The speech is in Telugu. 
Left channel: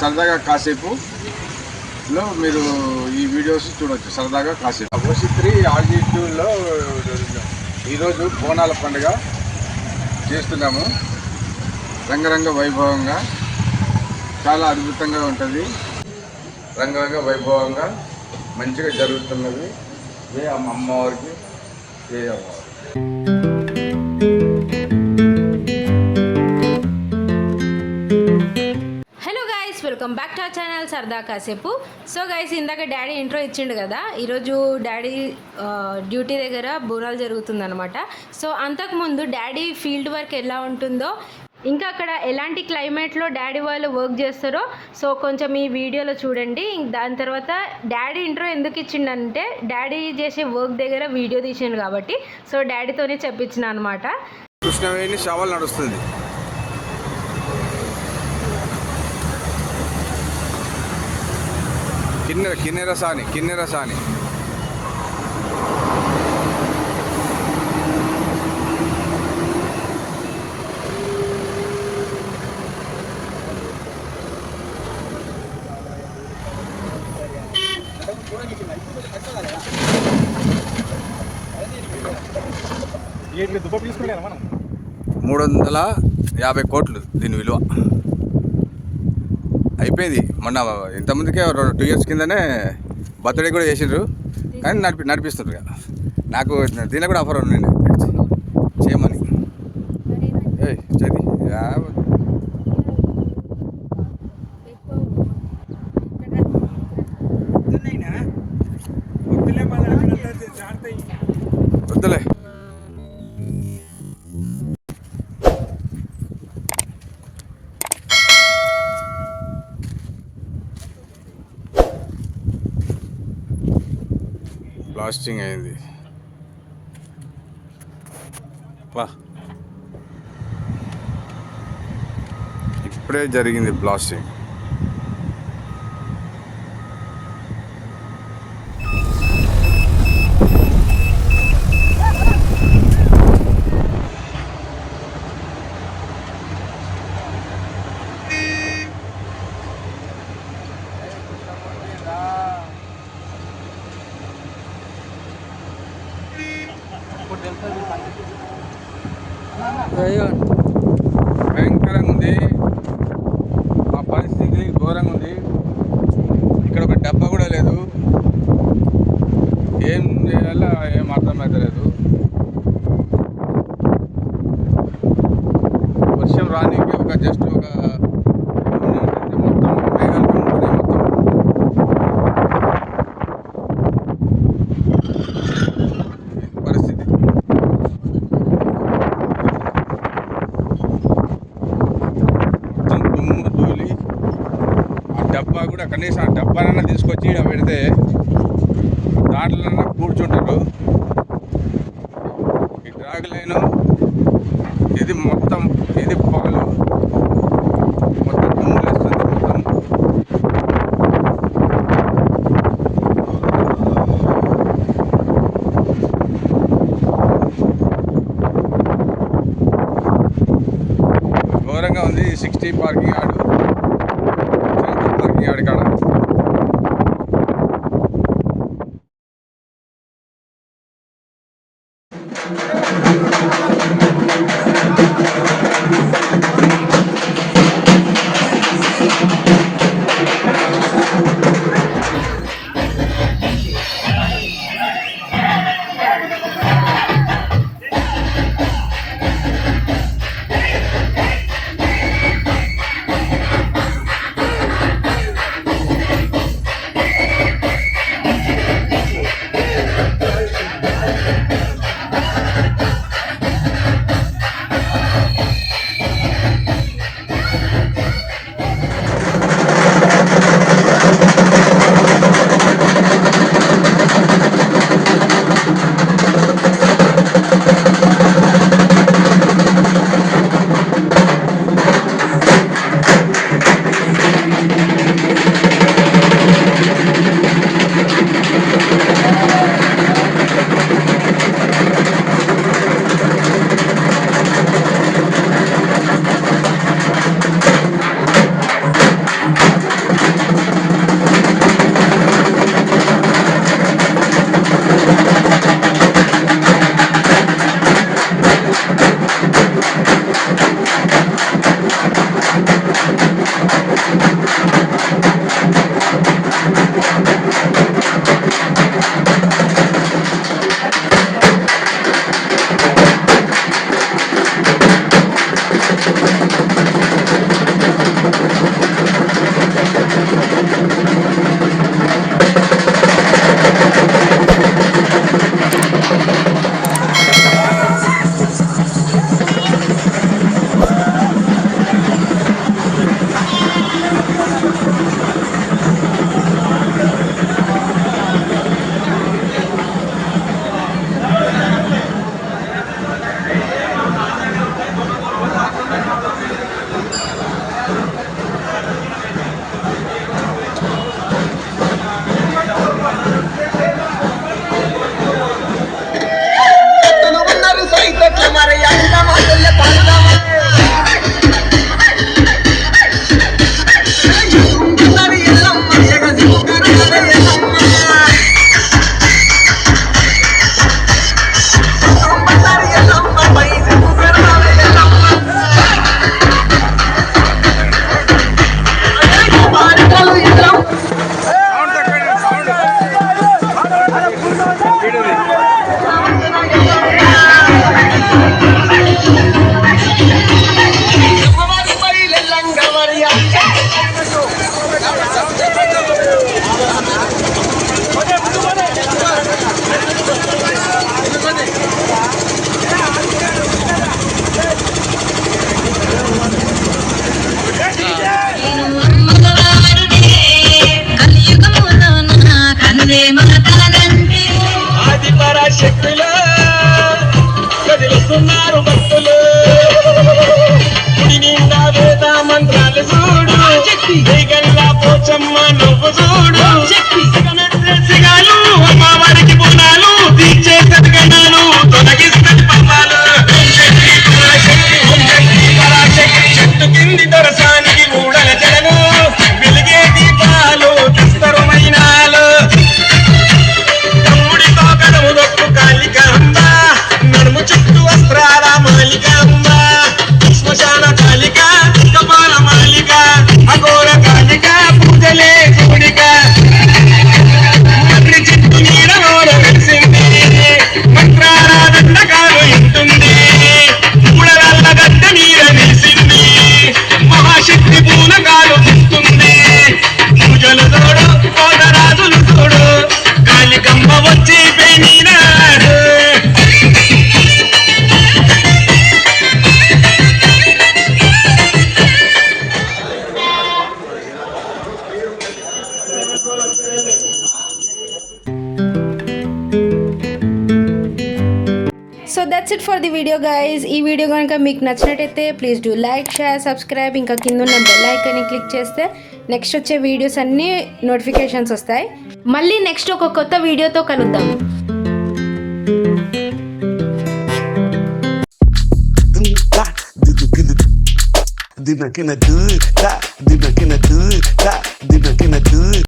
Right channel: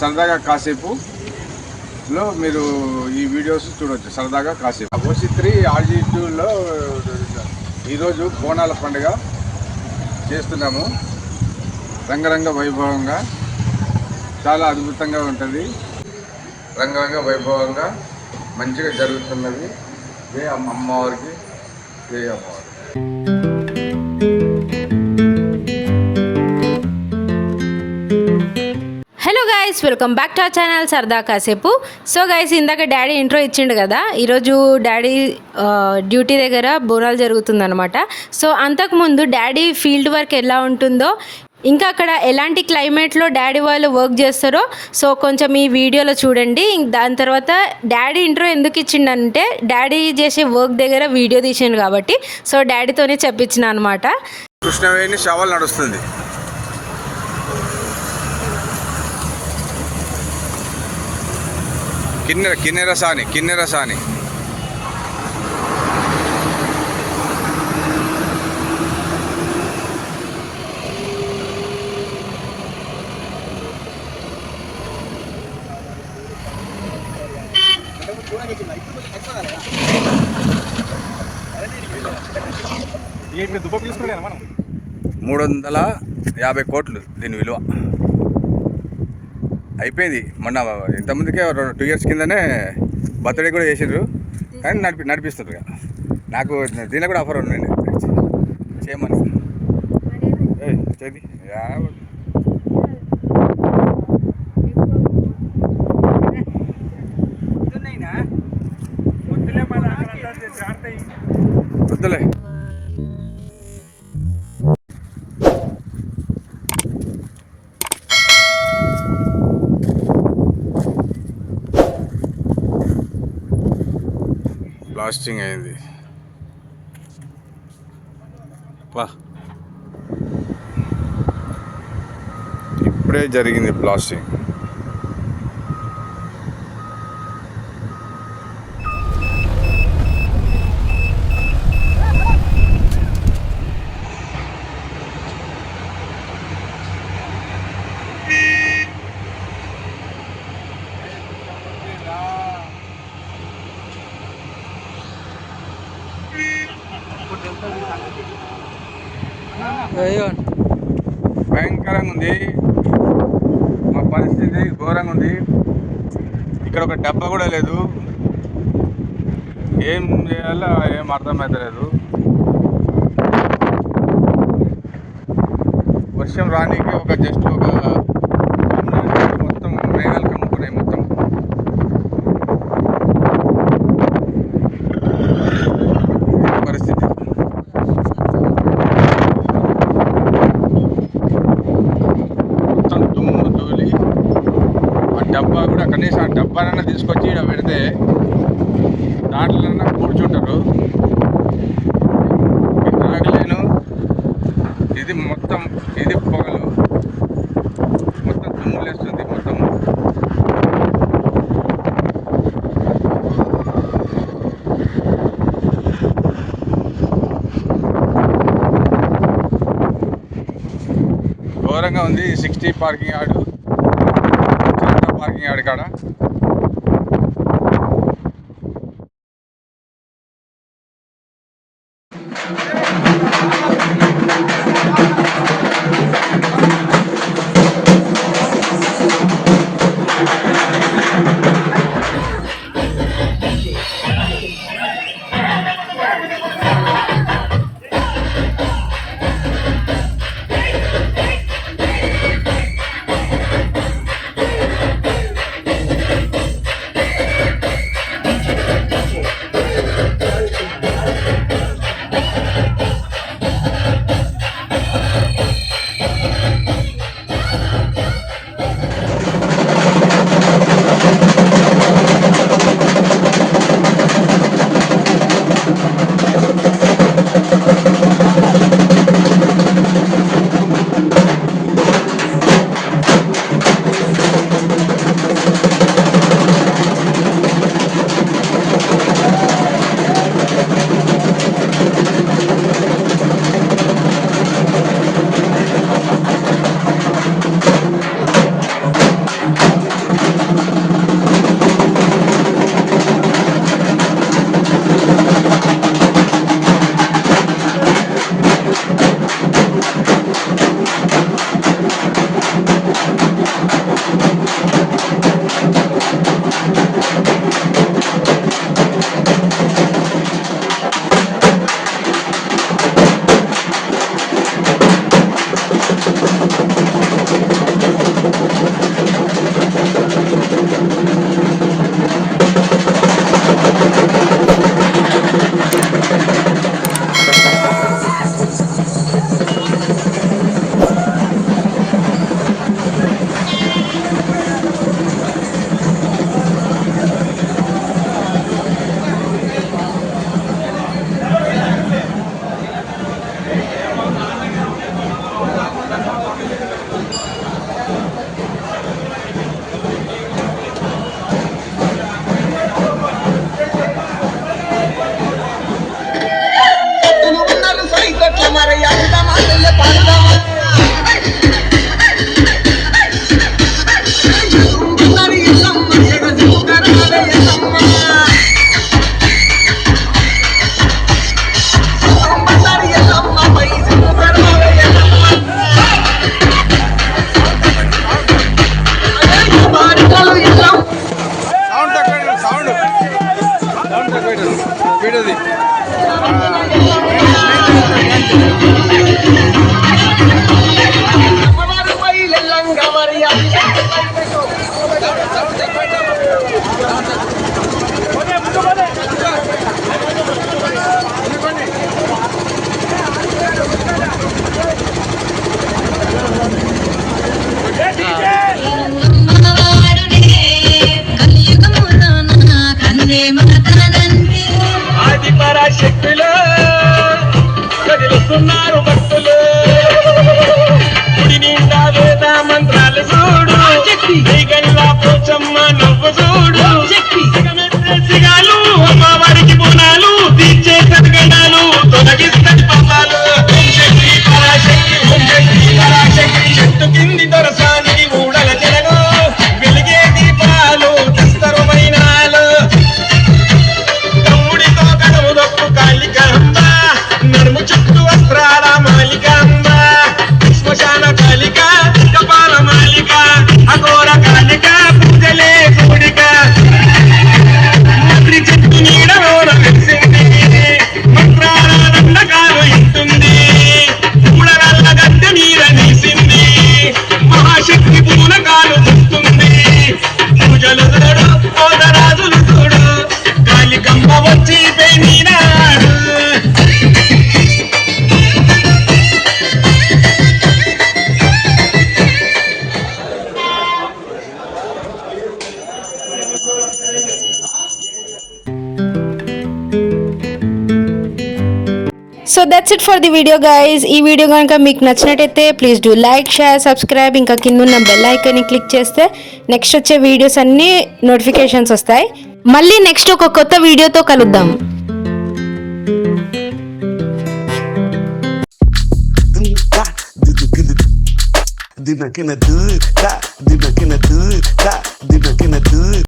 సరదాగా కాసేపులో మీరు ఈ వీడియోస్ చూడవచ్చు. సరదాగా కాసేపు ఓసి3 ఆర్జీ2లో ఈరోజు బోనాల పండుగ చేస్తున్నాము. రంగరంగ వైభవంగా చాలా అద్భుతంగా ఉంటుంది. రంగరంగ వైభవంగా మంచిగా జరుగుతున్నది. జై అమ్మవారికి, జై అమ్మవారికి. Hello guys, welcome back to our channel సరదా కాసేపు. సో గైస్, ఇందాక డాడీ ఇంట్రో ఇచ్చిండు కదా. ఈరోజు డాడీ డ్యూటీ దగ్గర బోనాలు జరుగుతుందనమాట. సో అంతకుముందు డాడీ ఫీల్డ్ వర్క్ ఎలా ఉంటుందో, ఇంకా అక్కడ ఎలాంటి క్లైమేట్లో డాడీ వాళ్ళు వర్క్ చేస్తారో సో కొంచెం ఈ వీడియోలో చూడండి. దాని తర్వాత డాడీ ఇంట్రో ఎందుకు ఇచ్చిండంటే డాడీ చేసే వర్క్ దగ్గర వీడియో తీసిండు కాబట్టి సో డాడీతోనే చెప్పించిన అనమాట. కృష్ణవేణి షవల్ నడుస్తుంది. కిన్నెర సాని మనం 350 కోట్లు దీని విలువ. అయిపోయింది. మొన్న ఇంతమందికే 2 ఇయర్స్ కిందనే బర్త్డే కూడా చేసిండ్రు, కానీ నడిపిస్తుండ్రు. నాకు దీనిలో కూడా ఆఫర్ ఉండండి చేయమని. చది వద్దులే. బ్లాస్టింగ్ అయింది. ఇప్పుడే జరిగింది బ్లాస్టింగ్. భయంకరంగా ఉంది. మా పరిస్థితి ఘోరంగా ఉంది. ఇక్కడ ఒక డబ్బా కూడా లేదు. ఏం చేయాలో ఏం అర్థమవుతలేదు. వర్షం రానికి జస్ట్ ఒక మొత్తం మేఘాలు కమ్ముకున్నాయి. మొత్తం పరిస్థితి. దుమ్ము ధూళి. ఆ డబ్బా కూడా కనీసం ఆ డబ్బానన్నా తీసుకొచ్చి ఇలా పెడితే దాంట్లో కూర్చుంటారు. తాగలేను. ఇది మొత్తం ఇది పొగలు, మొత్తం దుమ్ము లేస్తుంది. మొత్తం ఘోరంగా ఉంది. 60 పార్కింగ్ యార్డు కాడ శక్తిలో కదిలిస్తున్నారు భక్తులు గుడి నిండా వేద మంత్రాలు చూడు గల్లా పోచమ్మ నవ్వు చూడు సిగాలు అమ్మవారికి బోనాలు తీర్చే సద్గణాలు తొలగిస్తారు పాపాలు చెట్టు కింది దొరసానికి ఊడల జడలు వెలిగే దీపాలు తీస్తారు మైనాలు నడుము చెట్టు వస్త్రాల మాలిక శ్మశాన కాలిక కపాల మాలిక అఘోర కాలిక పూజలే కూడిక మర్రి చెట్టు నీడలోన మంత్రాల దండకాలు ఇంటుంది ఉడరాళ్ళ గడ్డ నీర వేసింది మహాశక్తి పూలకాలు పుస్తుంది పూజలు చూడు కోదరాజులు చూడు కాలికమ్మ వచ్చి పెనినాడు. So that's it for the video guys. ఈ వీడియో కనుక మీకు నచ్చినట్టయితే please do like, share, subscribe. ఇంకా కింద ఉన్న బెల్ ఐకాన్ని క్లిక్ చేస్తే నెక్స్ట్ వచ్చే వీడియోస్ అన్నీ నోటిఫికేషన్స్ వస్తాయి. మళ్ళీ నెక్స్ట్ ఒక కొత్త వీడియోతో కలుద్దాం. Dina kena do it,